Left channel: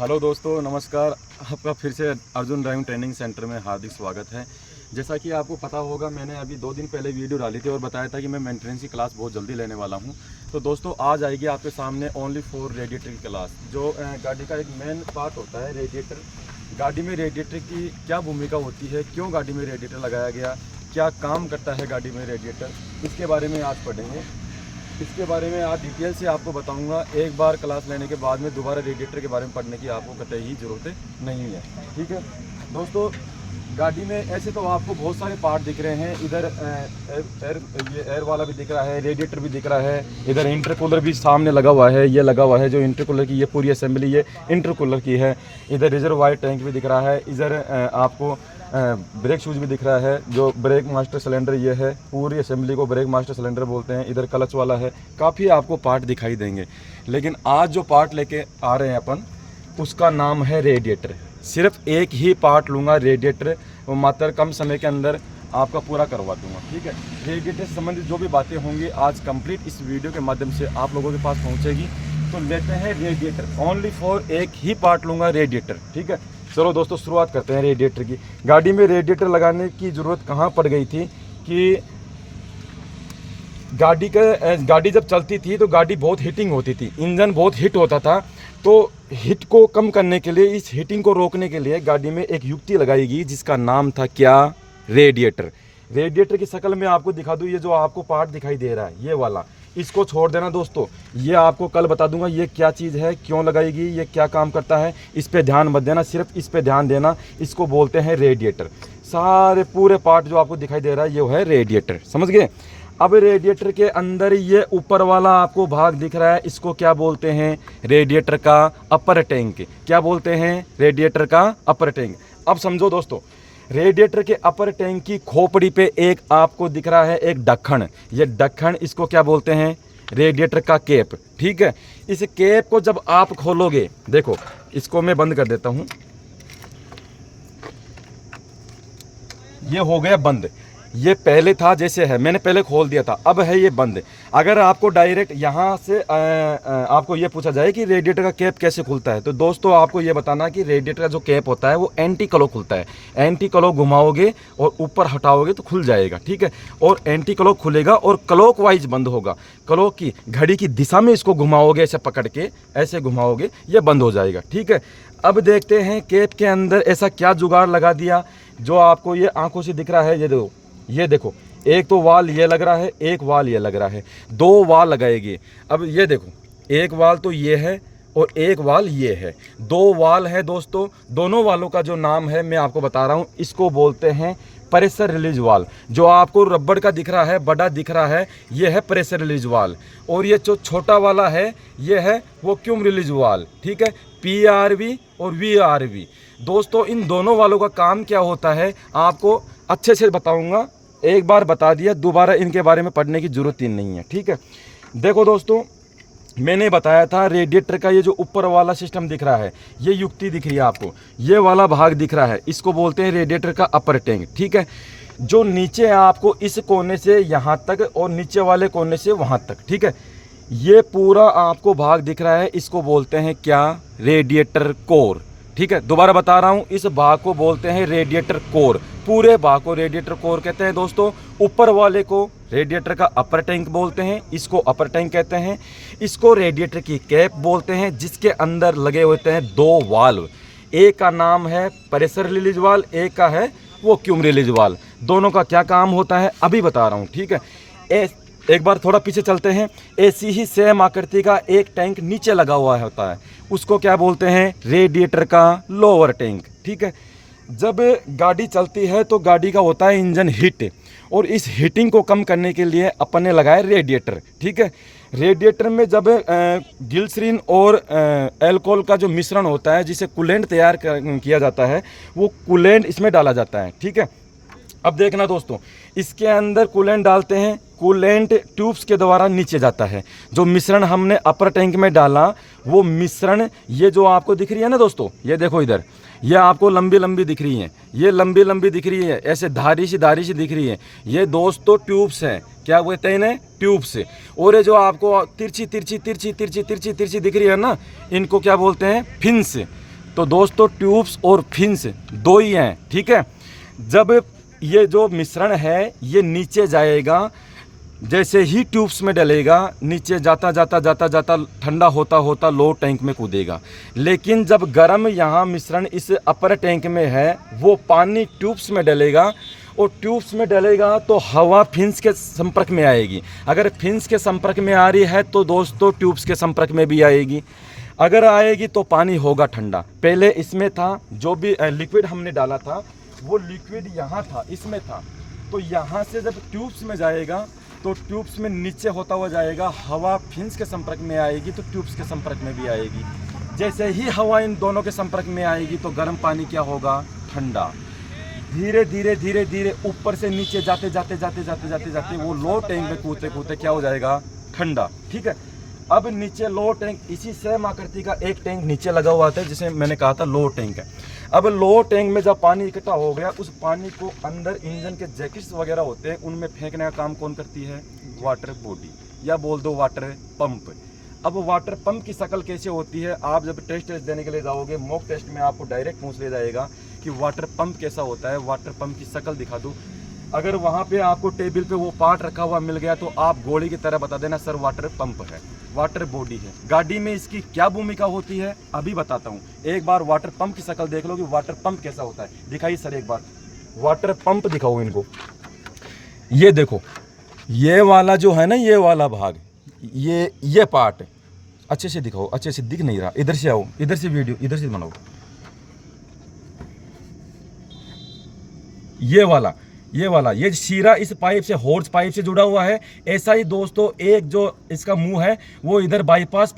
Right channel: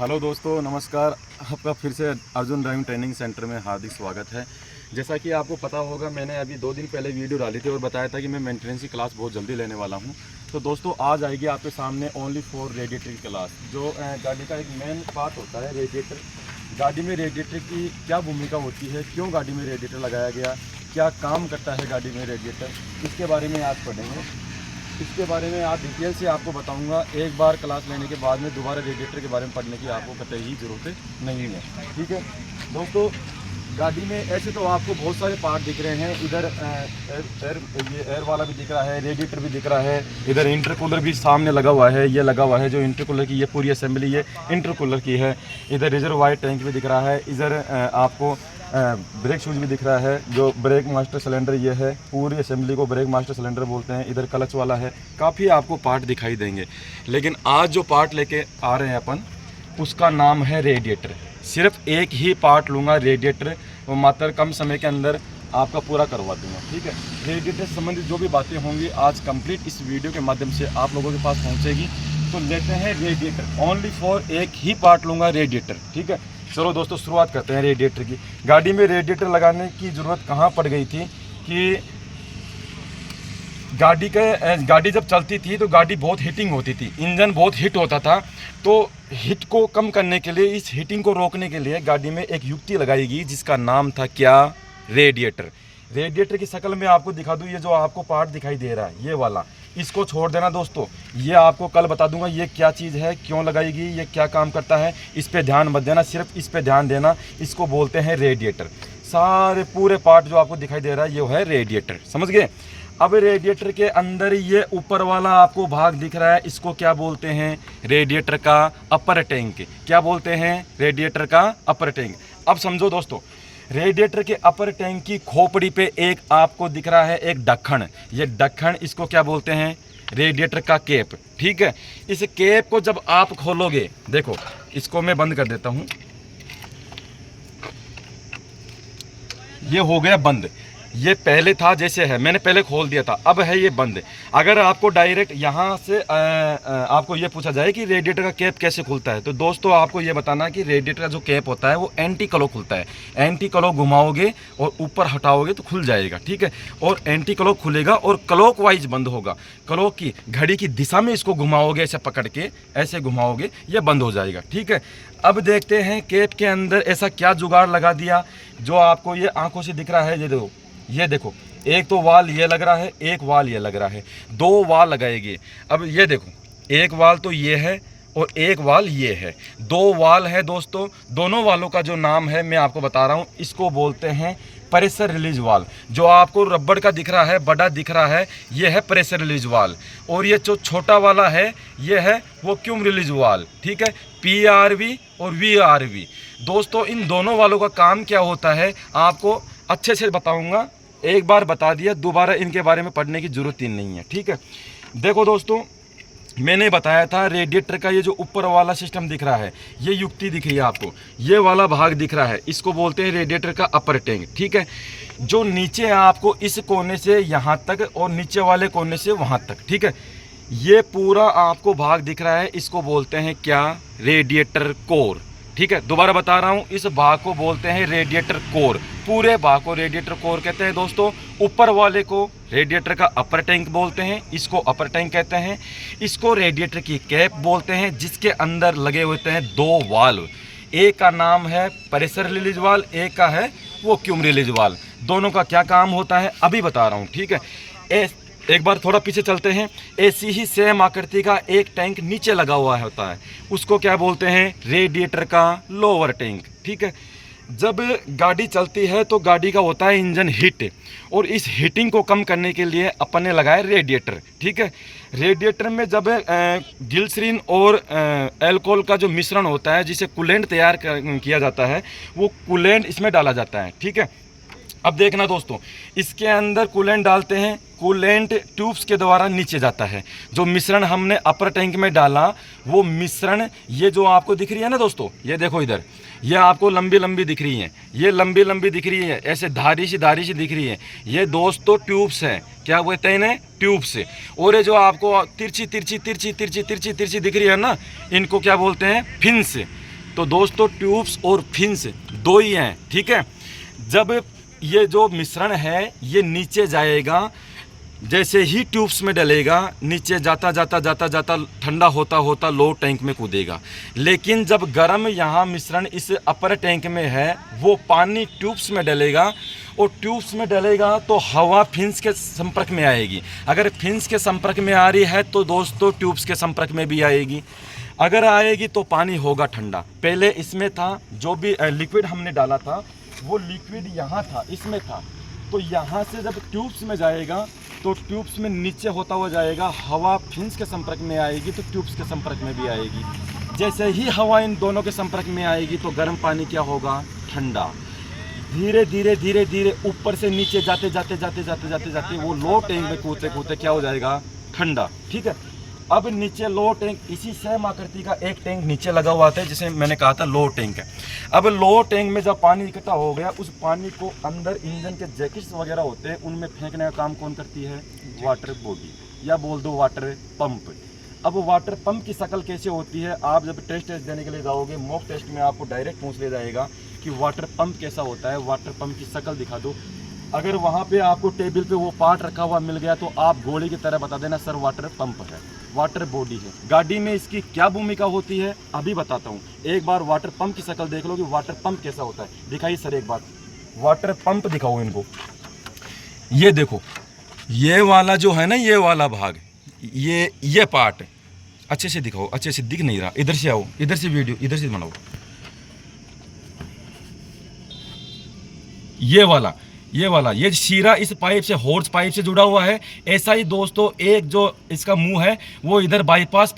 Hello दोस्तों, नमस्कार। आपका फिर से अर्जुन ड्राइविंग ट्रेनिंग सेंटर में हार्दिक स्वागत है। जैसा कि आपको पता होगा, मैंने अभी 2 दिन पहले वीडियो डाली थी और बताया था कि मैं मेंटेनेंस की क्लास बहुत जल्दी लेने वाला हूं। तो दोस्तों, आज आएगी आपके सामने ओनली फॉर रेडिएटर की क्लास। जो गाड़ी का एक मेन पार्ट होता है रेडिएटर। गाड़ी में रेडिएटर की क्या भूमिका होती है, क्यों गाड़ी में रेडिएटर लगाया गया, क्या काम करता है गाड़ी में रेडिएटर, इसके बारे में आज पढ़ेंगे। इसके बारे में आज डिटेल से आपको बताऊंगा। एक बार क्लास लेने के बाद में दोबारा रेडिएटर के बारे में पढ़ने की आपको कतई ही ज़रूरत नहीं है। ठीक है दोस्तों, गाड़ी में ऐसे तो आपको बहुत सारे पार्ट दिख रहे हैं। इधर ये एयर वाला भी दिख रहा है, रेडिएटर भी दिख रहा है। इधर इंटरकूलर भी सामने लगा हुआ है, ये लगा हुआ है। जो इंटरकूलर की ये पूरी असेंबली ये इंटरकूलर की है। इधर रिजर्वायर टैंक भी दिख रहा है। इधर आपको ब्रेक शूज भी दिख रहा है। जो ब्रेक मास्टर सिलेंडर ये है, पूरी असेंबली को ब्रेक मास्टर सिलेंडर बोलते हैं। इधर क्लच वाला है। काफ़ी आपको पार्ट दिखाई देंगे, लेकिन आज जो पार्ट लेके आ रहे हैं अपन, उसका नाम है रेडिएटर। सिर्फ एक ही पार्ट लूँगा रेडिएटर, वो मात्र कम समय के अंदर आपका पूरा करवा दूंगा। ठीक है, रेडिएटर से संबंधित जो भी बातें होंगी आज कंप्लीट इस वीडियो के माध्यम से आप लोगों के पास पहुँचेगी। तो लेते हैं रेडिएटर, ओनली फॉर एक ही पार्ट लूँगा रेडिएटर। ठीक है, चलो दोस्तों शुरुआत करते हैं रेडिएटर की। गाड़ी में रेडिएटर लगाने की ज़रूरत कहाँ पड़ गई थी कि गाड़ी जब चलती थी तो गाड़ी बहुत हीटिंग होती थी, इंजन बहुत हीट होता था। तो हीट को कम करने के लिए, इस हीटिंग को रोकने के लिए गाड़ी में एक युक्ति लगाई गई जिसका नाम था क्या? रेडिएटर। रेडिएटर की शक्ल में आपको दिखा दूँ। ये जो आपको पार्ट दिखाई दे रहा है ये वाला, इसको छोड़ देना दोस्तों। ये आपको कल बता दूंगा ये क्या चीज़ है, क्यों लगाएगी, ये क्या काम करता है। इस पे ध्यान मत देना, सिर्फ इस पे ध्यान देना। इसको बोलते हैं रेडिएटर। सारे पूरे पार्ट जो आपको दिखाई दे रहा है ये है रेडिएटर, समझ गए। अब रेडिएटर के अंदर ये ऊपर वाला आपको भाग दिख रहा है, इसको क्या बोलते हैं? रेडिएटर का अपर टैंक। क्या बोलते हैं? रेडिएटर का अपर टैंक। अब समझो दोस्तों, रेडिएटर के अपर टैंक की खोपड़ी पे एक आपको दिख रहा है एक ढक्कन। ये ढक्कन, इसको क्या बोलते हैं? रेडिएटर का कैप। ठीक है, इस कैप को जब आप खोलोगे, देखो इसको मैं बंद कर देता हूं। ये हो गया बंद। ये पहले था जैसे है, मैंने पहले खोल दिया था, अब है ये बंद। अगर आपको डायरेक्ट यहाँ से आपको ये पूछा जाए कि रेडिएटर का कैप कैसे खुलता है, तो दोस्तों आपको ये बताना कि रेडिएटर का जो कैप होता है वो एंटी क्लो खुलता है। एंटी क्लो घुमाओगे और ऊपर हटाओगे तो खुल जाएगा। ठीक है, और एंटी क्लो खुलेगा और क्लॉक वाइज बंद होगा। क्लॉक की घड़ी की दिशा में इसको घुमाओगे, ऐसे पकड़ के ऐसे घुमाओगे, ये बंद हो जाएगा। ठीक है, अब देखते हैं कैप के अंदर ऐसा क्या जुगाड़ लगा दिया जो आपको ये आंखों से दिख रहा है। ये देखो, एक तो वाल ये लग रहा है, एक वाल ये लग रहा है, 2 वाल लगाएगी। अब ये देखो, एक वाल तो ये है और एक वाल ये है, 2 वाल है दोस्तों। दोनों वालों का जो नाम है मैं आपको बता रहा हूँ, इसको बोलते हैं प्रेशर रिलीज वाल। जो आपको रबड़ का दिख रहा है, बड़ा दिख रहा है, ये है प्रेशर रिलीज वाल। और ये जो छोटा वाला है ये है वैक्यूम रिलीज वाल। ठीक है, PRV और VRV। दोस्तों इन दोनों वालों का काम क्या होता है आपको अच्छे से बताऊंगा। एक बार बता दिया, दोबारा इनके बारे में पढ़ने की जरूरत ही नहीं है। ठीक है, देखो दोस्तों, मैंने बताया था रेडिएटर का ये जो ऊपर वाला सिस्टम दिख रहा है, ये युक्ति दिख रही है आपको, ये वाला भाग दिख रहा है, इसको बोलते हैं रेडिएटर का अपर टैंक। ठीक है, जो नीचे है आपको इस कोने से यहाँ तक और नीचे वाले कोने से वहाँ तक। ठीक है, ये पूरा आपको भाग दिख रहा है, इसको बोलते हैं क्या? Radiator core. ठीक है, दोबारा बता रहा हूँ, इस भाग को बोलते हैं रेडिएटर कोर। पूरे भाग को रेडिएटर कोर कहते हैं दोस्तों। ऊपर वाले को रेडिएटर का अपर टैंक बोलते हैं, इसको अपर टैंक कहते हैं। इसको रेडिएटर की कैप बोलते हैं, जिसके अंदर लगे होते हैं 2 वाल्व। एक का नाम है प्रेशर रिलीज वाल, एक का है वैक्यूम रिलीज वाल। दोनों का क्या काम होता है अभी बता रहा हूँ। ठीक है, एक बार थोड़ा पीछे चलते हैं। ऐसी ही सेम आकृति का एक टैंक नीचे लगा हुआ होता है, उसको क्या बोलते हैं? रेडिएटर का लोअर टैंक। ठीक है, जब गाड़ी चलती है तो गाड़ी का होता है इंजन हीट, और इस हीटिंग को कम करने के लिए अपन ने लगाया रेडिएटर। ठीक है, रेडिएटर में जब ग्लिसरीन और अल्कोहल का जो मिश्रण होता है, जिसे कूलेंट तैयार किया जाता है, वो कूलेंट इसमें डाला जाता है। ठीक है, अब देखना दोस्तों, इसके अंदर कूलेंट डालते हैं, कूलेंट ट्यूब्स के द्वारा नीचे जाता है। जो मिश्रण हमने अपर टैंक में डाला, वो मिश्रण ये जो आपको दिख रही है ना दोस्तों, ये देखो इधर, ये आपको लंबी लंबी दिख रही है, ये लंबी लंबी दिख रही है, ऐसे धारी सी दिख रही है, ये दोस्तों ट्यूब्स हैं। क्या बोलते हैं इन्हें? ट्यूब्स। और ये जो आपको तिरछी दिख रही है ना, इनको क्या बोलते हैं? फिन्स। तो दोस्तों ट्यूब्स और फिन्स दो ही हैं, ठीक है। जब ये जो मिश्रण है ये नीचे जाएगा, जैसे ही ट्यूब्स में डलेगा नीचे जाता जाता जाता जाता ठंडा होता होता लो टैंक में कूदेगा। लेकिन जब गर्म यहाँ मिश्रण इस अपर टैंक में है, वो पानी ट्यूब्स में डलेगा और ट्यूब्स में डलेगा तो हवा फिन्स के संपर्क में आएगी। अगर फिन्स के संपर्क में आ रही है तो दोस्तों ट्यूब्स के संपर्क में भी आएगी। अगर आएगी तो पानी होगा ठंडा। पहले इसमें था, जो भी लिक्विड हमने डाला था वो लिक्विड यहाँ था, इसमें था। तो यहाँ से जब ट्यूब्स में जाएगा तो ट्यूब्स में नीचे होता हुआ जाएगा, हवा फिन्स के संपर्क में आएगी तो ट्यूब्स के संपर्क में भी आएगी। जैसे ही हवा इन दोनों के संपर्क में आएगी तो गर्म पानी क्या होगा, ठंडा। धीरे धीरे धीरे धीरे ऊपर से नीचे जाते जाते जाते जाते जाते जाते वो लो टैंक में कूदते कूदते क्या हो जाएगा, ठंडा, ठीक है। अब नीचे लो टैंक, इसी सेम आकृति का एक टैंक नीचे लगा हुआ था जिसे मैंने कहा था लो टैंक है। अब लो टैंक में जब पानी इकट्ठा हो गया, उस पानी को अंदर इंजन के जैकेट्स वगैरह होते हैं उनमें फेंकने का काम कौन करती है, वाटर बॉडी, या बोल दो वाटर पंप। अब वाटर पंप की शक्ल कैसे होती है, आप जब टेस्ट देने के लिए जाओगे मॉक टेस्ट में आपको डायरेक्ट पूछ लिया जाएगा कि वाटर पंप कैसा होता है, वाटर पंप की शक्ल दिखा दो। अगर वहाँ पे आपको टेबल पे वो पार्ट रखा हुआ मिल गया तो आप गोली की तरह बता देना सर वाटर पंप है, वाटर बॉडी है। गाड़ी में इसकी क्या भूमिका होती है अभी बताता हूँ। एक बार वाटर पंप की शक्ल देख लो कि वाटर पंप कैसा होता है। दिखाइए सर एक बार वाटर पंप दिखाओ इनको। ये देखो, ये वाला जो है ना, ये वाला भाग, ये पार्ट अच्छे से दिखाओ, अच्छे से दिख नहीं रहा, इधर से आओ, इधर से वीडियो इधर से बनाओ। ये शीरा इस पाइप से, हॉर्स पाइप से जुड़ा हुआ है। ऐसा ही दोस्तों एक जो इसका मुंह है वो इधर बाईपास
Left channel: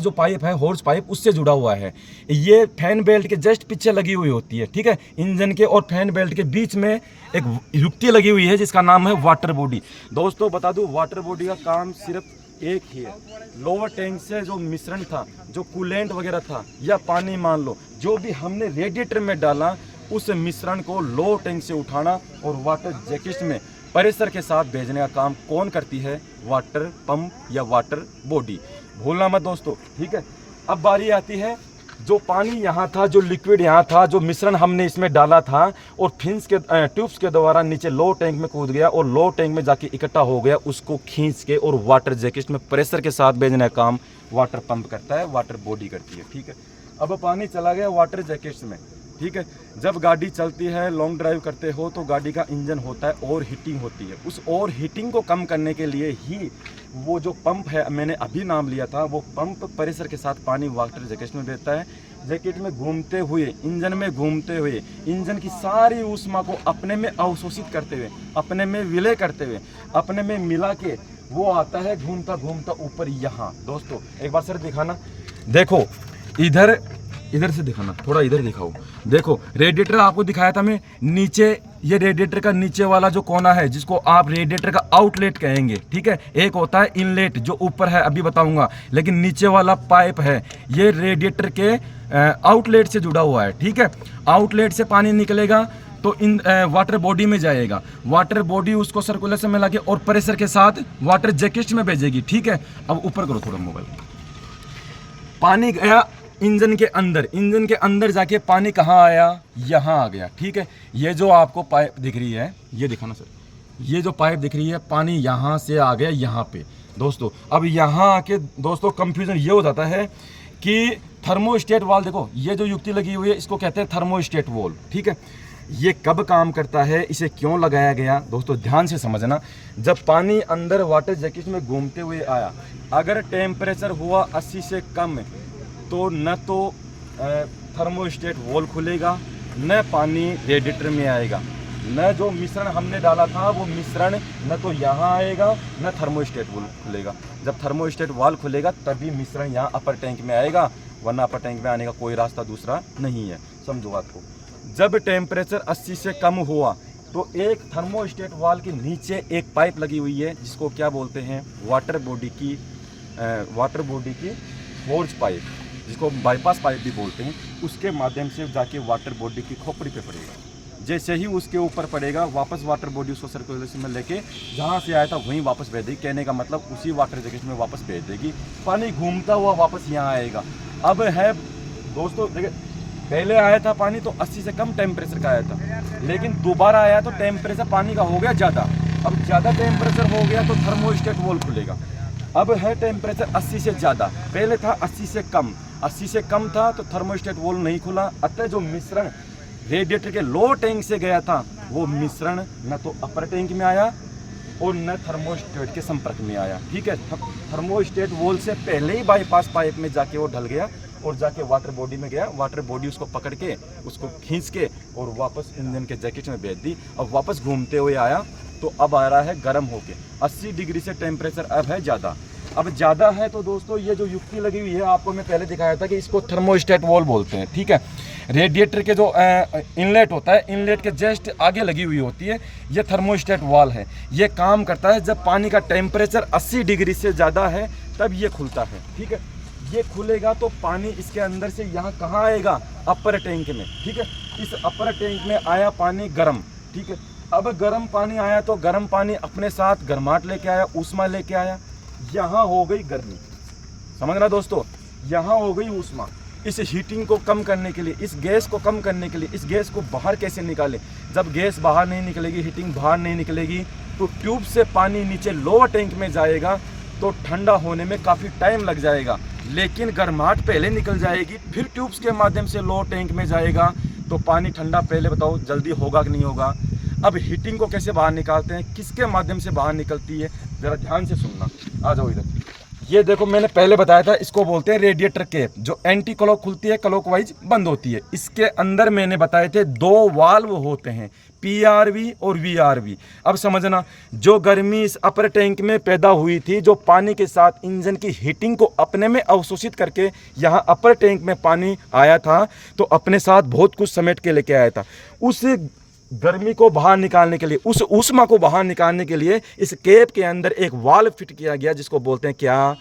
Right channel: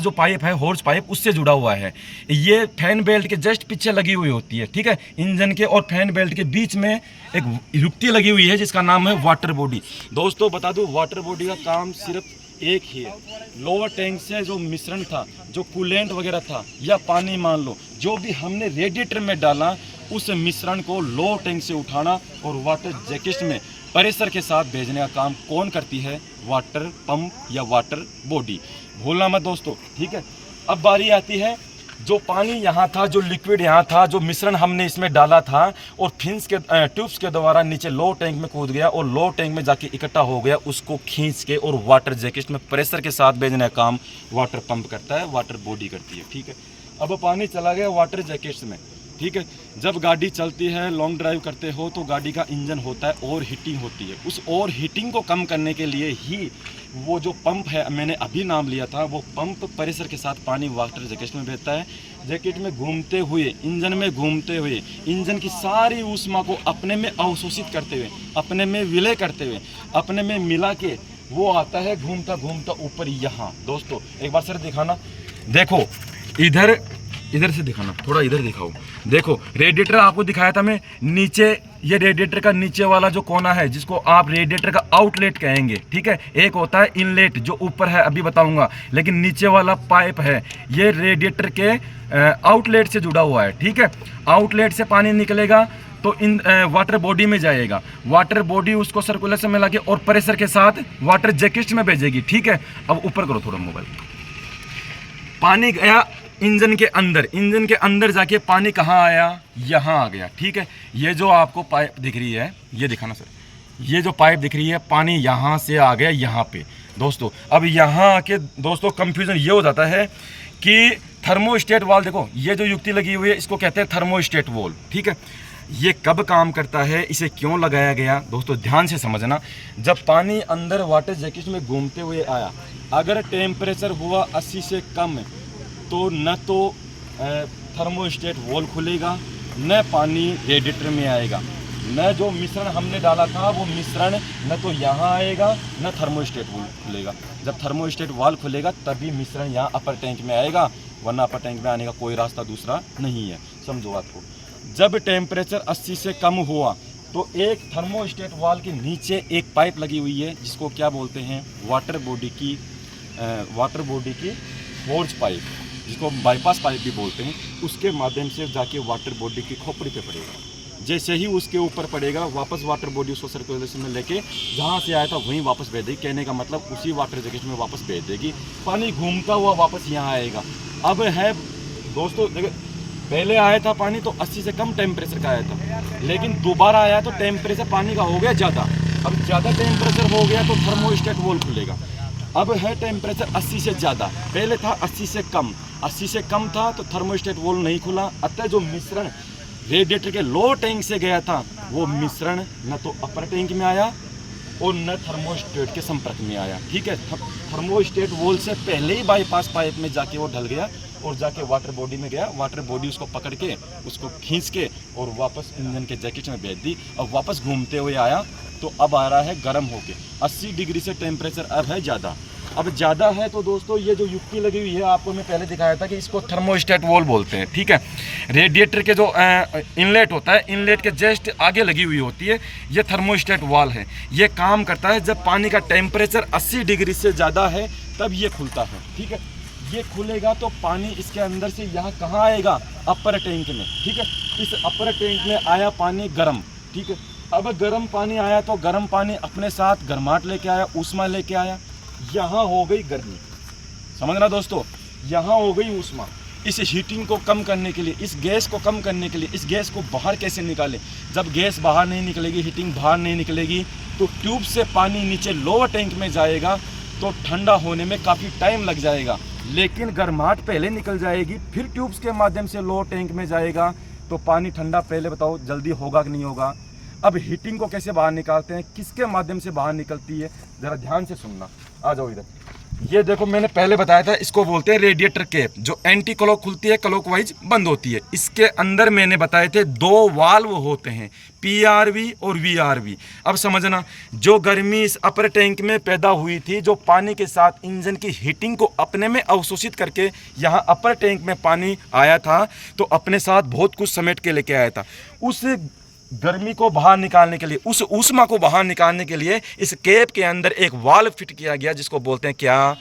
जो पाइप है हॉर्स पाइप उससे जुड़ा हुआ है। ये फैन बेल्ट के जस्ट पीछे लगी हुई होती है, ठीक है। इंजन के और फैन बेल्ट के बीच में एक युक्ति लगी हुई है जिसका नाम है वाटर बॉडी। दोस्तों बता दूं, वाटर बॉडी का काम सिर्फ एक ही है। लोअर टैंक से जो मिश्रण था, जो कूलेंट वगैरह था या पानी मान लो, जो भी हमने रेडिएटर में डाला, उस मिश्रण को लो टैंक से उठाना और वाटर जैकेट में प्रेशर के साथ भेजने का काम कौन करती है, वाटर पंप या वाटर बॉडी। भूलना मत दोस्तों, ठीक है। अब बारी आती है, जो पानी यहाँ था, जो लिक्विड यहाँ था, जो मिश्रण हमने इसमें डाला था और फिन्स के ट्यूब्स के द्वारा नीचे लो टैंक में कूद गया और लो टैंक में जाके इकट्ठा हो गया, उसको खींच के और वाटर जैकेट में प्रेशर के साथ भेजने का काम वाटर पंप करता है, वाटर बॉडी करती है, ठीक है। अब पानी चला गया वाटर जैकेट्स में, ठीक है। जब गाड़ी चलती है, लॉन्ग ड्राइव करते हो तो गाड़ी का इंजन होता है, ओवर हीटिंग होती है। उस ओवर हीटिंग को कम करने के लिए ही वो जो पंप है, मैंने अभी नाम लिया था, वो पंप प्रेशर के साथ पानी वाटर जैकेट में भेजता है। जैकेट में घूमते हुए, इंजन में घूमते हुए, इंजन की सारी ऊष्मा को अपने में अवशोषित करते हुए, अपने में विलय करते हुए, अपने में मिला के वो आता है घूमता घूमता ऊपर यहाँ। दोस्तों एक बार सर दिखाना, देखो इधर से दिखाना, थोड़ा इधर दिखाओ। देखो रेडिएटर आपको दिखाया था मैं, नीचे ये रेडिएटर का नीचे वाला जो कोना है जिसको आप रेडिएटर का आउटलेट कहेंगे, ठीक है। एक होता है इनलेट जो ऊपर है, अभी बताऊंगा, लेकिन नीचे वाला पाइप है ये रेडिएटर के आउटलेट से जुड़ा हुआ है, ठीक है। आउटलेट से पानी निकलेगा तो इन वाटर बॉडी में जाएगा, वाटर बॉडी उसको सर्कुलेशन में लगे और प्रेशर के साथ वाटर जैकेट में भेजेगी, ठीक है। अब ऊपर करो थोड़ा मोबाइल। पानी गया इंजन के अंदर जाके पानी कहाँ आया, यहाँ आ गया, ठीक है। ये जो आपको पाइप दिख रही है, ये दिखाना सर, ये जो पाइप दिख रही है, पानी यहाँ से आ गया यहाँ पे दोस्तों। अब यहाँ आके दोस्तों कंफ्यूजन ये हो जाता है कि थर्मोस्टेट वाल्व, देखो ये जो युक्ति लगी हुई है इसको कहते हैं थर्मोस्टेट वाल्व, ठीक है। ये कब काम करता है, इसे क्यों लगाया गया, दोस्तों ध्यान से समझना। जब पानी अंदर वाटर जैकेट में घूमते हुए आया, अगर टेम्परेचर हुआ 80 से कम तो न तो थर्मोस्टेट वॉल्व खुलेगा, न पानी रेडिएटर में आएगा, न जो मिश्रण हमने डाला था वो मिश्रण न तो यहाँ आएगा न थर्मोस्टेट वॉल्व खुलेगा। जब थर्मोस्टेट वाल्व खुलेगा तभी मिश्रण यहाँ अपर टैंक में आएगा, वरना अपर टैंक में आने का कोई रास्ता दूसरा नहीं है, समझो बात को। जब टेम्परेचर 80 से कम हुआ तो एक थर्मोस्टेट वाल्व के नीचे एक पाइप लगी हुई है जिसको क्या बोलते हैं, वाटर बॉडी की हॉर्स पाइप, जिसको बाईपास पाइप भी बोलते हैं। उसके माध्यम से जाके वाटर बॉडी की खोपड़ी पे पड़ेगा। जैसे ही उसके ऊपर पड़ेगा, वापस वाटर बॉडी उसको सर्कुलेशन में लेके जहाँ से आया था वहीं वापस भेज देगी। कहने का मतलब उसी वाटर जैकेट में वापस भेज देगी, पानी घूमता हुआ वापस यहाँ आएगा। अब है दोस्तों देखिए, पहले आया था पानी तो 80 से कम टेम्परेचर का आया था, लेकिन दोबारा आया तो टेम्परेचर पानी का हो गया ज़्यादा। अब ज़्यादा टेम्परेचर हो गया तो थर्मोस्टेट वॉल्व खुलेगा। अब है टेम्परेचर 80 से ज़्यादा, पहले था 80 से कम, 80 से कम था तो थर्मोस्टेट वॉल्व नहीं खुला। अतः जो मिश्रण रेडिएटर के लो टैंक से गया था वो मिश्रण न तो अपर टैंक में आया और न थर्मोस्टेट के संपर्क में आया। ठीक है, थर्मोस्टेट वॉल्व से पहले ही बाईपास पाइप में जाके वो ढल गया और जाके वाटर बॉडी में गया। वाटर बॉडी उसको पकड़ के उसको खींच के और वापस इंजन के जैकेट में भेज दी। अब वापस घूमते हुए आया तो अब आ रहा है गर्म होके। 80 डिग्री से टेम्परेचर अब है ज़्यादा। अब ज़्यादा है तो दोस्तों ये जो युक्ति लगी हुई है आपको मैं पहले दिखाया था कि इसको थर्मोस्टेट वॉल्व बोलते हैं। ठीक है, रेडिएटर के जो इनलेट होता है, इनलेट के जस्ट आगे लगी हुई होती है, ये थर्मोस्टेट वॉल्व है। ये काम करता है जब पानी का टेम्परेचर 80 डिग्री से ज़्यादा है तब ये खुलता है। ठीक है, ये खुलेगा तो पानी इसके अंदर से यहाँ कहाँ आएगा, अपर टैंक में। ठीक है, इस अपर टैंक में आया पानी गर्म। ठीक है, अब गर्म पानी आया तो गर्म पानी अपने साथ गर्माहट लेके आया, ऊष्मा लेके आया। यहाँ हो गई गर्मी, समझ रहा दोस्तों, यहाँ हो गई ऊष्मा। इस हीटिंग को कम करने के लिए, इस गैस को कम करने के लिए, इस गैस को बाहर कैसे निकालें। जब गैस बाहर नहीं निकलेगी, हीटिंग बाहर नहीं निकलेगी तो ट्यूब से पानी नीचे लोअर टैंक में जाएगा तो ठंडा होने में काफ़ी टाइम लग जाएगा, लेकिन गर्माहट पहले निकल जाएगी, फिर ट्यूब्स के माध्यम से लोअर टैंक में जाएगा तो पानी ठंडा पहले बताओ जल्दी होगा कि नहीं होगा। अब हीटिंग को कैसे बाहर निकालते हैं, किसके माध्यम से बाहर निकलती है, ज़रा ध्यान से सुनना। आ जाओ इधर। ये देखो मैंने पहले बताया था, इसको बोलते हैं रेडिएटर कैप, जो एंटी क्लॉक खुलती है, क्लॉकवाइज बंद होती है। इसके अंदर मैंने बताए थे 2 वाल्व होते हैं, PRV और VRV। अब समझना, जो गर्मी इस अपर टैंक में पैदा हुई थी, जो पानी के साथ इंजन की हीटिंग को अपने में अवशोषित करके यहाँ अपर टैंक में पानी आया था तो अपने साथ बहुत कुछ समेट के लेके आया था। उस गर्मी को बाहर निकालने के लिए, उस ऊष्मा को बाहर निकालने के लिए इस कैप के अंदर एक वाल्व फिट किया गया जिसको बोलते हैं क्या,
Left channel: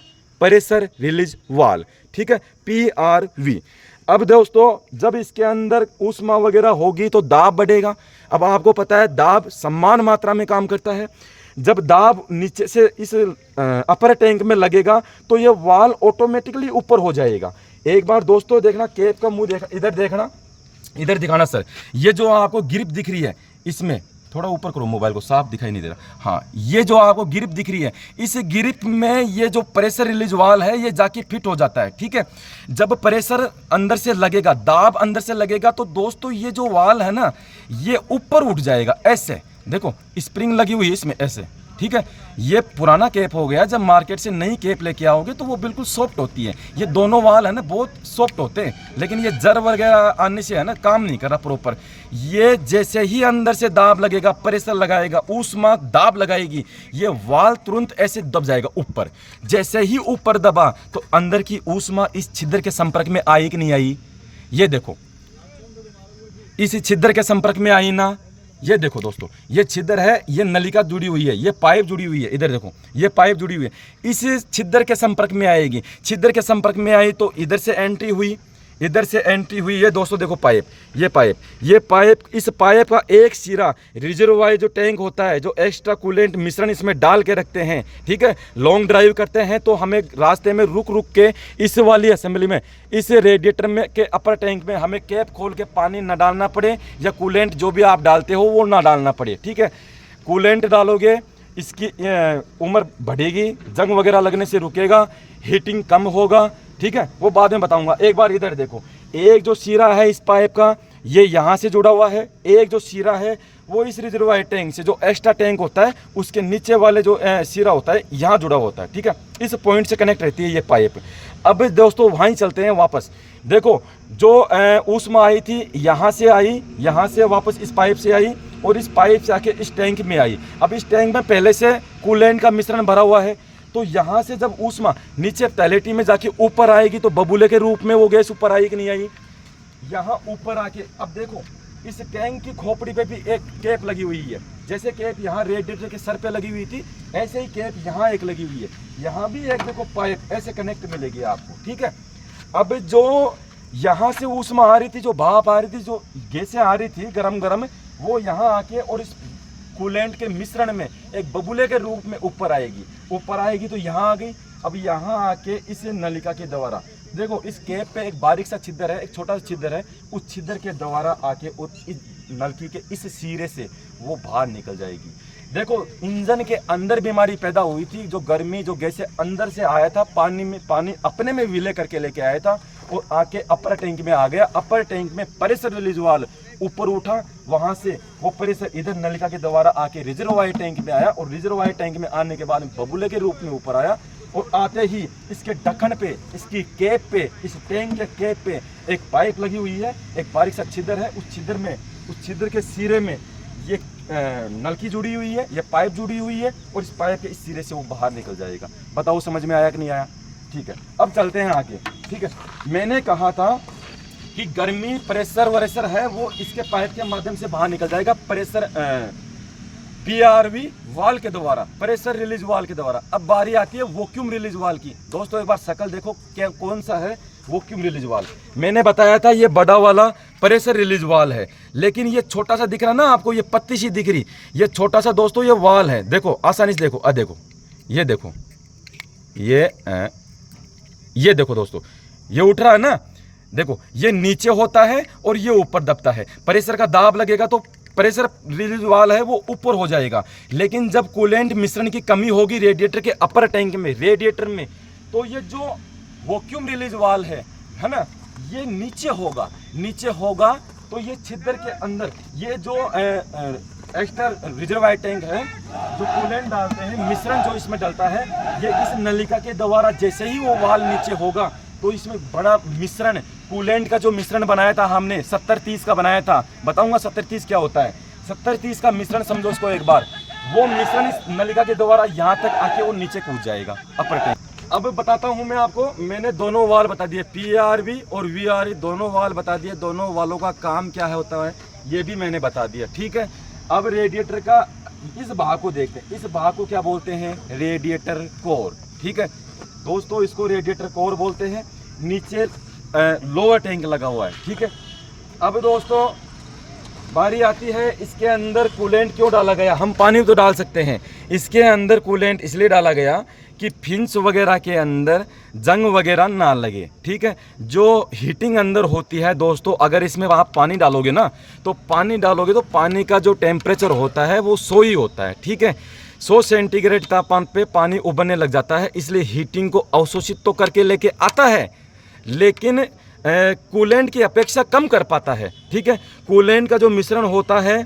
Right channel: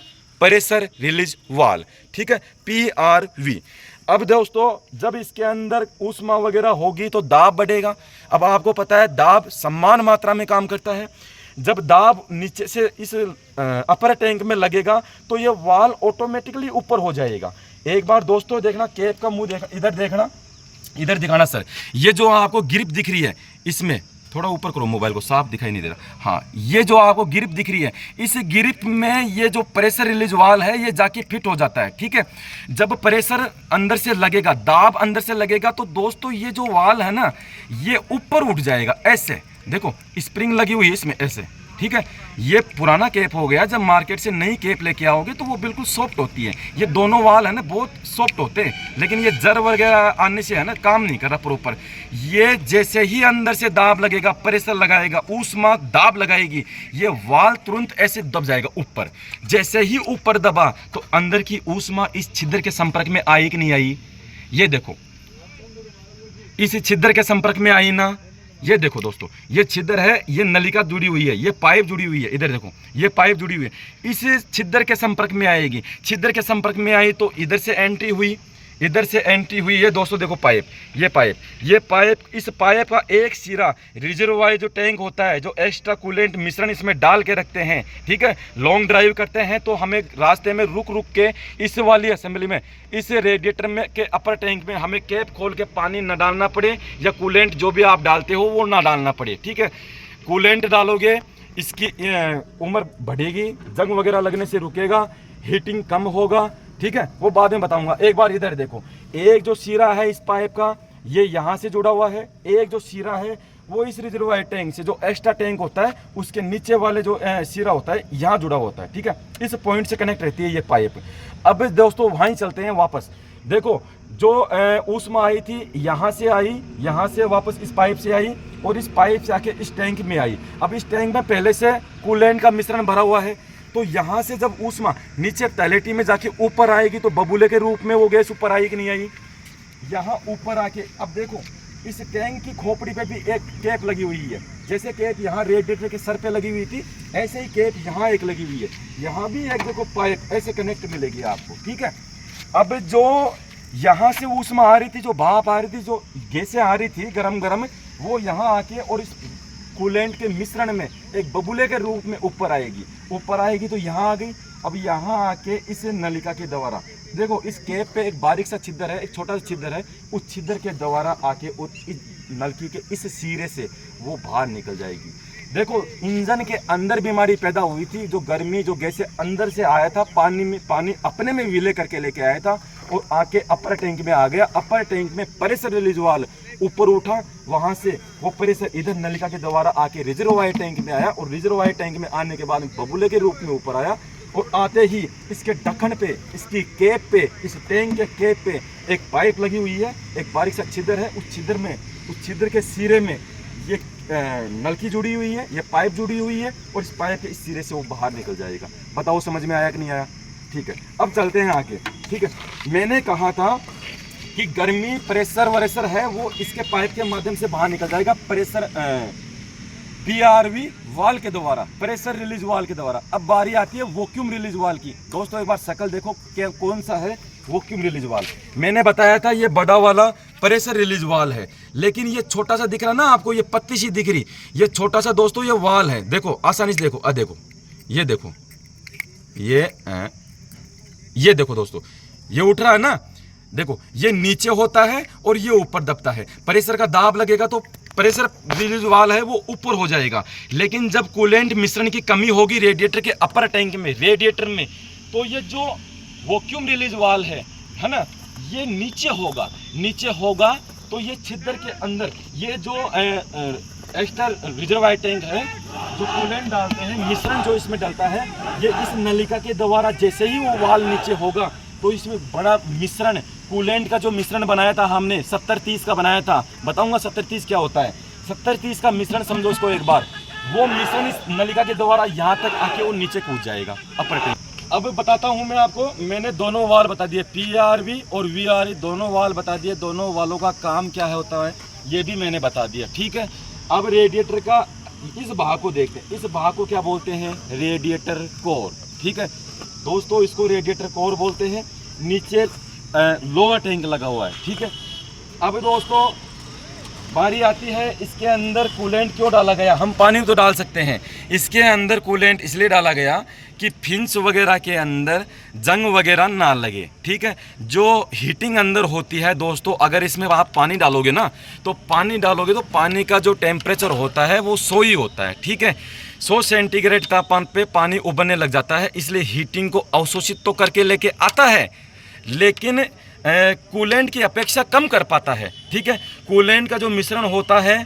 प्रेशर रिलीज वाल्व। ठीक है, PRV। अब दोस्तों जब इसके अंदर ऊष्मा वगैरह होगी तो दाब बढ़ेगा। अब आपको पता है दाब समान मात्रा में काम करता है। जब दाब नीचे से इस अपर टैंक में लगेगा तो ये वाल्व ऑटोमेटिकली ऊपर हो जाएगा। एक बार दोस्तों देखना, कैप का मुंह देखना, इधर देखना, इधर दिखाना सर। ये जो आपको ग्रिप दिख रही है, इसमें थोड़ा ऊपर करो मोबाइल को, साफ दिखाई नहीं दे रहा। हाँ, ये जो आपको ग्रिप दिख रही है, इस ग्रिप में ये जो प्रेशर रिलीज वाल्व है ये जाके फिट हो जाता है। ठीक है, जब प्रेशर अंदर से लगेगा, दाब अंदर से लगेगा तो दोस्तों ये जो वाल्व है ना, ये ऊपर उठ जाएगा। ऐसे देखो स्प्रिंग लगी हुई है इसमें, ऐसे। ठीक है, ये पुराना कैप हो गया। जब मार्केट से नई कैप लेके आओगे तो वो बिल्कुल सॉफ्ट होती है। ये दोनों वाल है ना बहुत सॉफ्ट होते हैं, लेकिन ये जर वगैरह आने से है ना काम नहीं कर रहा प्रॉपर। ये जैसे ही अंदर से दाब लगेगा, प्रेशर लगाएगा, ऊष्मा दाब लगाएगी, ये वाल तुरंत ऐसे दब जाएगा ऊपर। जैसे ही ऊपर दबा तो अंदर की ऊष्मा इस छिद्र के संपर्क में आई कि नहीं आई, ये देखो इस छिद्र के संपर्क में आई ना। ये देखो दोस्तों, ये छिद्र है, ये नलिका जुड़ी हुई है, ये पाइप जुड़ी हुई है, इधर देखो ये पाइप जुड़ी हुई है, इस छिद्र के संपर्क में आएगी। छिद्र के संपर्क में आई तो इधर से एंट्री हुई, इधर से एंट्री हुई। ये दोस्तों देखो पाइप, ये पाइप, इस पाइप का एक सिरा रिजर्वायर जो टैंक होता है, जो एक्स्ट्रा कूलेंट मिश्रण इसमें डाल के रखते हैं। ठीक है, लॉन्ग ड्राइव करते हैं तो हमें रास्ते में रुक रुक के इस वाली असेंबली में, इस रेडिएटर में के अपर टैंक में हमें कैप खोल के पानी न डालना पड़े, या कूलेंट जो भी आप डालते हो वो ना डालना पड़े। ठीक है, कूलेंट डालोगे इसकी उम्र बढ़ेगी, जंग वगैरह लगने से रुकेगा, हीटिंग कम होगा। ठीक है, वो बाद में बताऊंगा। एक बार इधर देखो, एक जो सिरा है इस पाइप का ये यहाँ से जुड़ा हुआ है, एक जो सिरा है वो इस रिजर्वायर टैंक से, जो एक्स्ट्रा टैंक होता है उसके नीचे वाले जो सिरा होता है यहाँ जुड़ा हुआ होता है। ठीक है, इस पॉइंट से कनेक्ट रहती है ये पाइप। अब दोस्तों वहीं चलते हैं वापस। देखो जो ऊष्मा आई थी यहाँ से आई, यहाँ से वापस इस पाइप से आई और इस पाइप से आके इस टैंक में आई। अब इस टैंक में पहले से कूलेंट का मिश्रण भरा हुआ है, तो यहाँ से जब ऊष्मा नीचे टैलेटी में जाके ऊपर आएगी तो बबूले के रूप में वो गैस ऊपर आई कि नहीं आई। यहाँ ऊपर आके अब देखो इस टैंक की खोपड़ी पे भी एक कैप लगी हुई है। जैसे कैप यहाँ रेडिएटर के सर पे लगी हुई थी, ऐसे ही कैप यहाँ एक लगी हुई है। यहाँ भी एक देखो पाइप ऐसे कनेक्ट मिलेगी आपको। ठीक है, अब जो यहाँ से ऊष्मा आ रही थी, जो भाप आ रही थी, जो गैसें आ रही थी गरम गरम, वो यहाँ आके और इस कूलेंट के मिश्रण में एक बबूले के रूप में ऊपर आएगी। ऊपर आएगी तो यहाँ आ गई। अब यहाँ आके इस नलिका के द्वारा देखो इस कैप पे एक बारीक सा छिद्र है, एक छोटा सा छिद्र है, उस छिद्र के द्वारा आके इस नलकी के इस सिरे से वो बाहर निकल जाएगी। देखो इंजन के अंदर बीमारी पैदा हुई थी, जो गर्मी जो गैस अंदर से आया था, पानी अपने में विले करके लेके आया था और आके अपर टैंक में आ गया। अपर टैंक में प्रेशर रिलीज वाल्व ऊपर उठा, वहां से वो प्रेशर इधर नलिका के द्वारा आके रिजर्वायर टैंक में आया और रिजर्वायर टैंक में आने के बाद बबूले के रूप में ऊपर आया और आते ही इसके ढक्कन पे, इसकी कैप पे, इस टैंक के कैप पे एक पाइप लगी हुई है, एक बारीक सा छिद्र है, उस छिद्र के सिरे में ये नलकी जुड़ी हुई है, ये पाइप जुड़ी हुई है और इस पाइप के इस सिरे से वो बाहर निकल जाएगा। बताओ समझ में आया कि नहीं आया? ठीक है, अब चलते हैं आगे। ठीक है, मैंने कहा था कि गर्मी प्रेशर वरेशर है वो इसके पाइप के माध्यम से बाहर निकल जाएगा, प्रेशर PRV वाल के द्वारा, प्रेशर रिलीज वाल के द्वारा। अब बारी आती है वैक्यूम रिलीज वाल की। दोस्तों एक बार शक्ल देखो क्या कौन सा है वैक्यूम रिलीज वाल। मैंने बताया था ये बड़ा वाला प्रेशर रिलीज वाल है, लेकिन ये छोटा सा दिख रहा ना आपको, ये पत्ती सी दिख रही, ये छोटा सा दोस्तों ये वाल है। देखो आसानी से देखो, देखो ये देखो, ये देखो दोस्तों, ये उठ रहा है ना, देखो ये नीचे होता है और ये ऊपर दबता है। प्रेशर का दाब लगेगा तो प्रेशर रिलीज वाल है वो ऊपर हो जाएगा, लेकिन जब कूलेंट मिश्रण की कमी होगी रेडिएटर के अपर टैंक में, रेडिएटर में, तो ये जो वैक्यूम रिलीज वाल है ना, ये नीचे होगा तो ये छिद्र के अंदर ये जो एक्स्ट्रा रिजर्वायर टैंक है, जो कूलेंट डालते हैं, मिश्रण जो इसमें डलता है, ये इस नलिका के द्वारा जैसे ही वो वाल नीचे होगा तो इसमें बड़ा मिश्रण, कूलेंट का जो मिश्रण बनाया था हमने 70-30 का बनाया था, बताऊंगा 70-30 क्या होता है। 70-30 का मिश्रण समझो उसको एक बार, वो मिश्रण इस नलिका के द्वारा यहाँ तक आके वो नीचे कूद जाएगा अपर टैंक। अब बताता हूँ मैं आपको, मैंने दोनों वाल बता दिए, PRV और VRV दोनों वाल बता दिए, दोनों वालों का काम क्या होता है ये भी मैंने बता दिया। ठीक है, अब रेडिएटर का इस भाग को देखते हैं, इस भाग को क्या बोलते हैं? Radiator core. ठीक है दोस्तों, इसको रेडिएटर कोर बोलते हैं। नीचे लोअर टैंक लगा हुआ है। ठीक है, अब दोस्तों बारी आती है इसके अंदर कूलेंट क्यों डाला गया। हम पानी तो डाल सकते हैं, इसके अंदर कूलेंट इसलिए डाला गया कि फिंस वगैरह के अंदर जंग वगैरह ना लगे। ठीक है, जो हीटिंग अंदर होती है दोस्तों, अगर इसमें आप पानी डालोगे ना, तो पानी का जो टेम्परेचर होता है वो 100 ही होता है। ठीक है, 100 सेंटीग्रेड तापमान पे पानी उबलने लग जाता है, इसलिए हीटिंग को अवशोषित तो करके लेके आता है, लेकिन कूलेंट की अपेक्षा कम कर पाता है। ठीक है, कूलेंट का जो मिश्रण होता है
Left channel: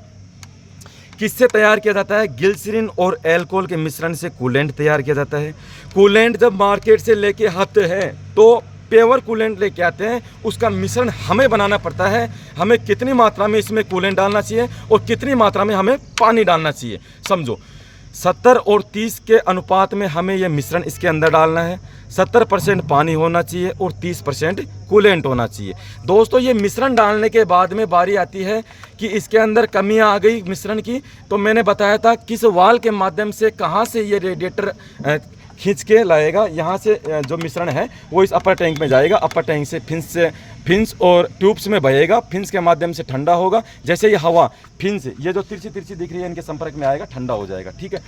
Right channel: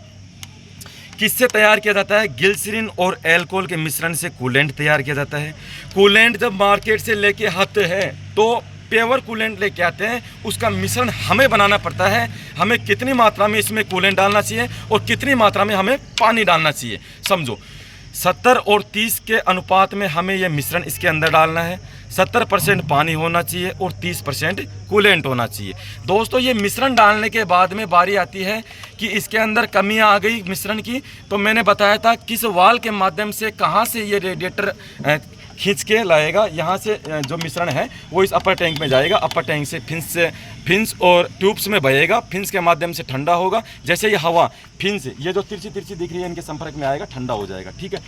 किससे तैयार किया जाता है? ग्लिसरीन और अल्कोहल के मिश्रण से कूलेंट तैयार किया जाता है। कूलेंट जब मार्केट से लेके आते हैं तो प्योर कूलेंट लेके आते हैं, उसका मिश्रण हमें बनाना पड़ता है, हमें कितनी मात्रा में इसमें कूलेंट डालना चाहिए और कितनी मात्रा में हमें पानी डालना चाहिए। समझो 70 और 30 के अनुपात में हमें यह मिश्रण इसके अंदर डालना है। 70% पानी होना चाहिए और 30% कूलेंट होना चाहिए। दोस्तों ये मिश्रण डालने के बाद में बारी आती है कि इसके अंदर कमियां आ गई मिश्रण की, तो मैंने बताया था किस वाल के माध्यम से कहां से ये रेडिएटर खींच के लाएगा। यहाँ से जो मिश्रण है वो इस अपर टैंक में जाएगा, अपर टैंक से फिंस और ट्यूब्स में बहेगा, फिंस के माध्यम से ठंडा होगा। जैसे ये हवा फिंस ये जो तिरछी दिख रही है इनके संपर्क में आएगा, ठंडा हो जाएगा। ठीक है,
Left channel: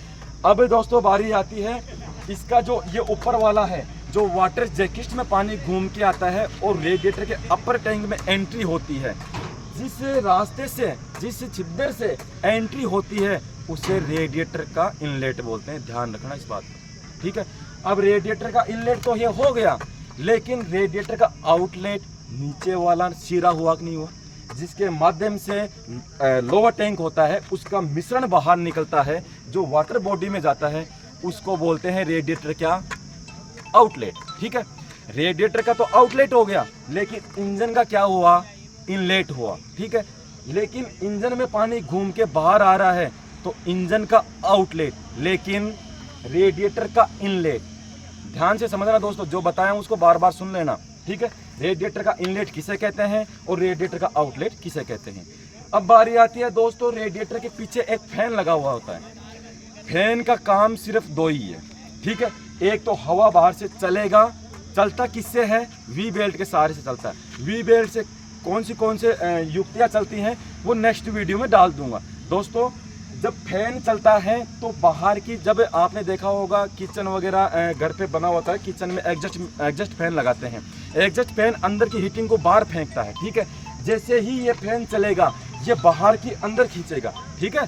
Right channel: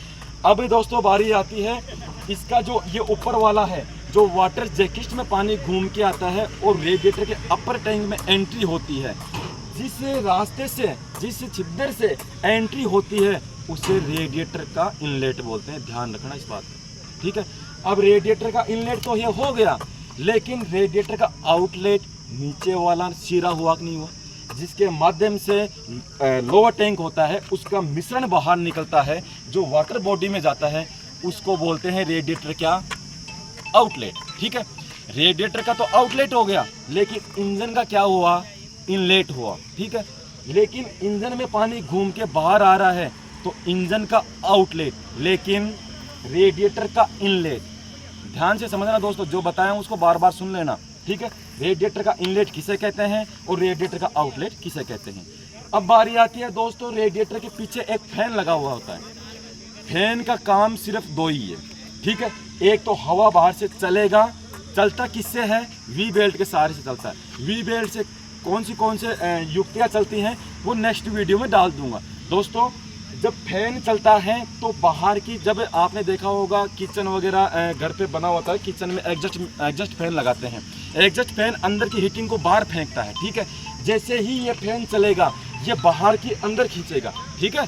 अब दोस्तों बारी आती है इसका जो ये ऊपर वाला है, जो वाटर जैकेट में पानी घूम के आता है और रेडिएटर के अपर टैंक में एंट्री होती है। जिस रास्ते से, जिस छिद्र से एंट्री होती है उसे रेडिएटर का इनलेट बोलते हैं, ध्यान रखना इस बात का। ठीक है, अब रेडिएटर का इनलेट तो ये हो गया, लेकिन रेडिएटर का आउटलेट नीचे वाला सिरा हुआ कि नहीं हुआ, जिसके माध्यम से लोअर टैंक होता है, उसका मिश्रण बाहर निकलता है जो वाटर बॉडी में जाता है, उसको बोलते हैं रेडिएटर क्या? आउटलेट। ठीक है, रेडिएटर का तो आउटलेट हो गया, लेकिन इंजन का क्या हुआ? इनलेट हुआ। ठीक है, लेकिन इंजन में पानी घूम के बाहर आ रहा है तो इंजन का आउटलेट, लेकिन रेडिएटर का इनलेट। ध्यान से समझना दोस्तों, जो बताया उसको बार बार सुन लेना। ठीक है, रेडिएटर का इनलेट किसे कहते हैं और रेडिएटर का आउटलेट किसे कहते हैं। अब बारी आती है दोस्तों, रेडिएटर के पीछे एक फैन लगा हुआ होता है। फैन का काम सिर्फ दो ही है। ठीक है, एक तो हवा बाहर से चलेगा, चलता किससे है? वी बेल्ट के सहारे से चलता है। वी बेल्ट से कौन से युक्तियाँ चलती हैं वो नेक्स्ट वीडियो में डाल दूंगा। दोस्तों जब फैन चलता है तो बाहर की, जब आपने देखा होगा किचन वगैरह घर पे बना होता है, किचन में एग्जस्ट फैन लगाते हैं। एग्जस्ट फैन अंदर की हीटिंग को बाहर फेंकता है, ठीक है। जैसे ही ये फैन चलेगा ये बाहर की अंदर खींचेगा, ठीक है।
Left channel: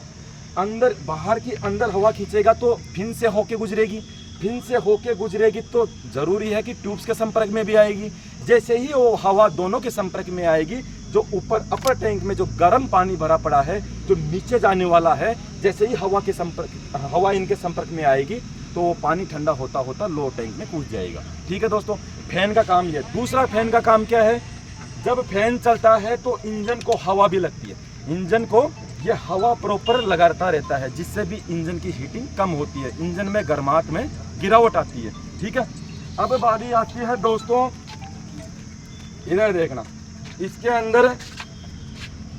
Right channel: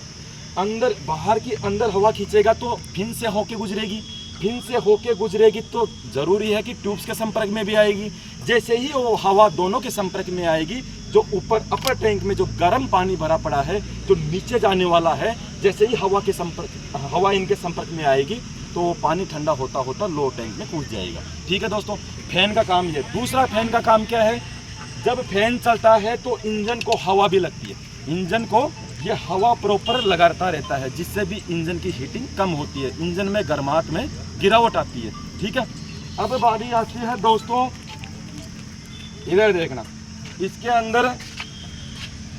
अंदर बाहर की अंदर हवा खींचेगा तो फिन से होके गुजरेगी, फिन से होके गुजरेगी तो ज़रूरी है कि ट्यूब्स के संपर्क में भी आएगी। जैसे ही वो हवा दोनों के संपर्क में आएगी, जो ऊपर अपर टैंक में जो गर्म पानी भरा पड़ा है जो नीचे जाने वाला है, जैसे ही हवा इनके संपर्क में आएगी तो वो पानी ठंडा होता होता लोअर टैंक में कूद जाएगा, ठीक है दोस्तों। फैन का काम ये। दूसरा फैन का काम क्या है, जब फैन चलता है तो इंजन को हवा भी लगती है, इंजन को ये हवा प्रॉपर लगाता रहता है, जिससे भी इंजन की हीटिंग कम होती है, इंजन में गर्माहट में गिरावट आती है, ठीक है। अब बारी आती है दोस्तों, इधर देखना, इसके अंदर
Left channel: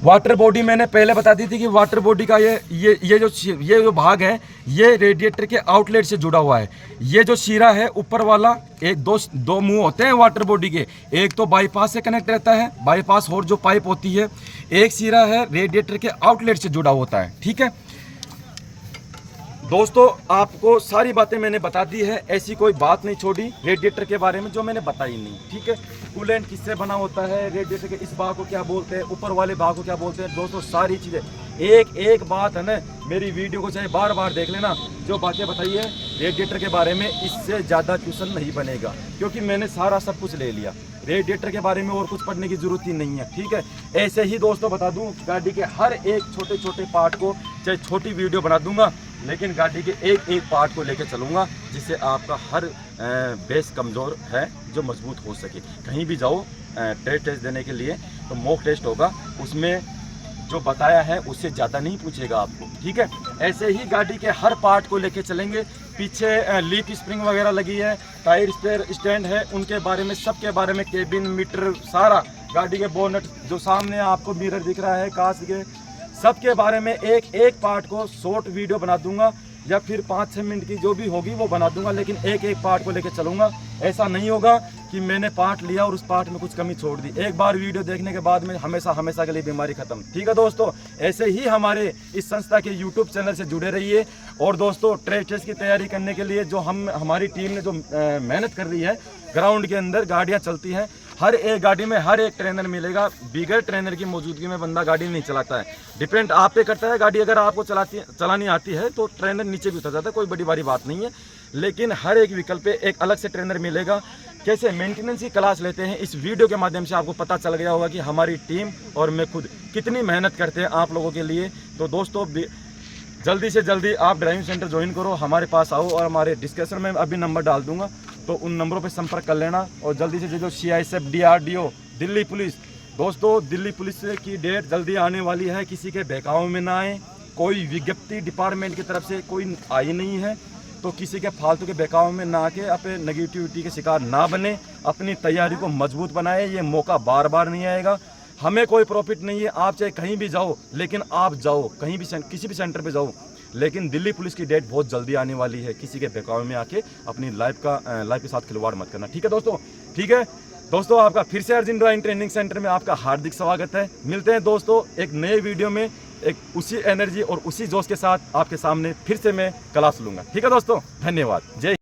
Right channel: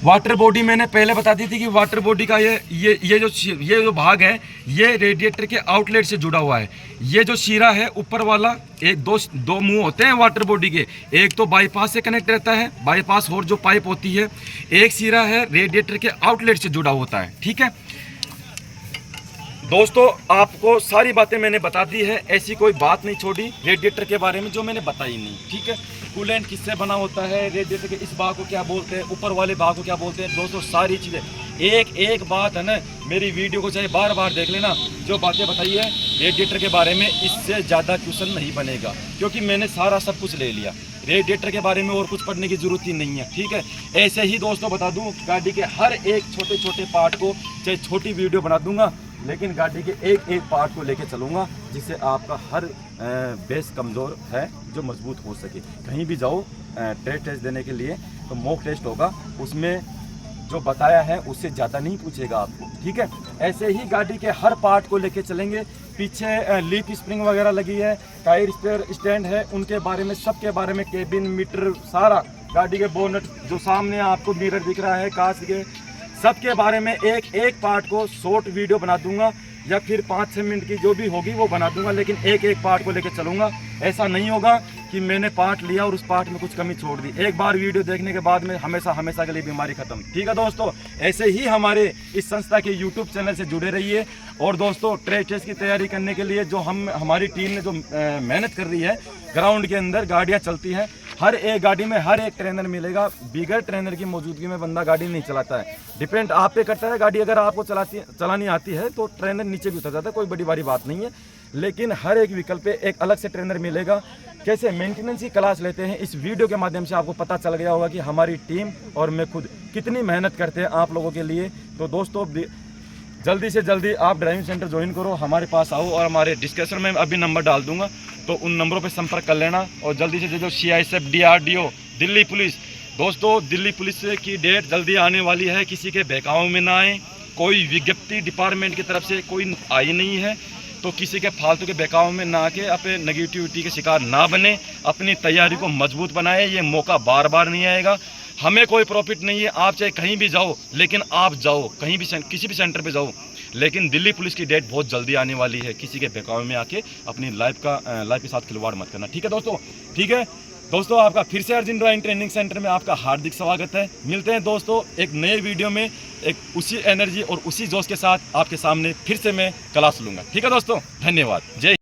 वाटर बॉडी मैंने पहले बता दी थी कि वाटर बॉडी का ये जो भाग है ये रेडिएटर के आउटलेट से जुड़ा हुआ है। ये जो शीरा है ऊपर वाला, एक दो मुंह होते हैं वाटर बॉडी के, एक तो बाईपास से कनेक्ट रहता है, बाईपास और जो पाइप होती है, एक शीरा है रेडिएटर के आउटलेट से जुड़ा होता है, ठीक है दोस्तों। आपको सारी बातें मैंने बता दी है, ऐसी कोई बात नहीं छोड़ी रेडिएटर के बारे में जो मैंने बताई नहीं, ठीक है। कूलेंट किससे बना होता है, रेडिएटर के इस भाग को क्या बोलते हैं, ऊपर वाले भाग को क्या बोलते हैं, दोस्तों सारी चीज़ें एक बात है ना, मेरी वीडियो को चाहे बार बार देख लेना, जो बातें बताई है रेडिएटर के बारे में इससे ज़्यादा क्वेश्चन नहीं बनेगा, क्योंकि मैंने सारा सब कुछ ले लिया। रेडिएटर के बारे में और कुछ पढ़ने की ज़रूरत ही नहीं है, ठीक है। ऐसे ही दोस्तों बता दूँ, गाड़ी के हर एक छोटे छोटे पार्ट को चाहे छोटी वीडियो बना दूंगा, लेकिन गाड़ी के एक पार्ट को लेकर चलूँगा, जिससे आपका हर बेस कमज़ोर है जो मजबूत हो सके। कहीं भी जाओ टेस्ट देने के लिए तो मॉक टेस्ट होगा, उसमें जो बताया है उससे ज़्यादा नहीं पूछेगा आपको, ठीक है। ऐसे ही गाड़ी के हर पार्ट को लेके चलेंगे। पीछे लीफ स्प्रिंग वगैरह लगी है, टायर स्टैंड है, उनके बारे में, सबके बारे में, केबिन मीटर सारा, गाड़ी के बोनट जो सामने आपको मिरर दिख रहा है, कांच के, सबके बारे में एक पार्ट को शॉर्ट वीडियो बना दूंगा, या फिर 5-6 मिनट की जो भी होगी वो बना दूंगा, लेकिन एक पार्ट को लेकर चलूंगा। ऐसा नहीं होगा कि मैंने पार्ट लिया और उस पार्ट में कुछ कमी छोड़ दी। एक बार वीडियो देखने के बाद में हमेशा के लिए बीमारी खत्म, ठीक है दोस्तों। ऐसे ही हमारे इस संस्था के यूट्यूब चैनल से जुड़े रहिए। और दोस्तों ट्रेड टेस्ट की तैयारी करने के लिए जो हमारी टीम ने जो मेहनत कर रही है, ग्राउंड के अंदर गाड़ियाँ चलती हैं, हर एक गाड़ी में हर एक ट्रेनर मिलेगा। बिगर ट्रेनर की मौजूदगी में बंदा गाड़ी नहीं चलाता है। डिपेंड आप पे करता है। गाड़ी अगर आपको चलानी आती है तो ट्रेनर नीचे भी उतर जाता है, कोई बड़ी बड़ी बात नहीं है। लेकिन हर एक व्हीकल पे एक अलग से ट्रेनर मिलेगा। कैसे मेंटेनेंस की क्लास लेते हैं, इस वीडियो के माध्यम से आपको पता चल गया होगा कि हमारी टीम और मैं खुद कितनी मेहनत करते हैं आप लोगों के लिए। तो दोस्तों जल्दी से जल्दी आप ड्राइविंग सेंटर ज्वाइन करो, हमारे पास आओ, और हमारे डिस्क्रिप्शन में अभी नंबर डाल दूंगा, तो उन नंबरों पे संपर्क कर लेना। और जल्दी से जो CISF DRDO दिल्ली पुलिस, दोस्तों दिल्ली पुलिस की डेट जल्दी आने वाली है। किसी के बहकावे में ना आए, कोई विज्ञप्ति डिपार्टमेंट की तरफ से कोई आई नहीं है, तो किसी के फालतू के बहकाव में ना आके अपने नेगेटिविटी के शिकार ना बने, अपनी तैयारी को मजबूत बनाए। ये मौका बार बार नहीं आएगा। हमें कोई प्रॉफिट नहीं है, आप चाहे कहीं भी जाओ, लेकिन आप जाओ कहीं भी, किसी भी सेंटर पे जाओ, लेकिन दिल्ली पुलिस की डेट बहुत जल्दी आने वाली है। किसी के बहकावे में आके अपनी लाइफ के साथ खिलवाड़ मत करना, ठीक है दोस्तों। ठीक है दोस्तों, आपका फिर से अर्जुन ड्राइविंग ट्रेनिंग सेंटर में आपका हार्दिक स्वागत है। मिलते हैं दोस्तों एक नए वीडियो में, एक उसी एनर्जी और उसी जोश के साथ आपके सामने फिर से मैं क्लास लूँगा, ठीक है दोस्तों। धन्यवाद, जय।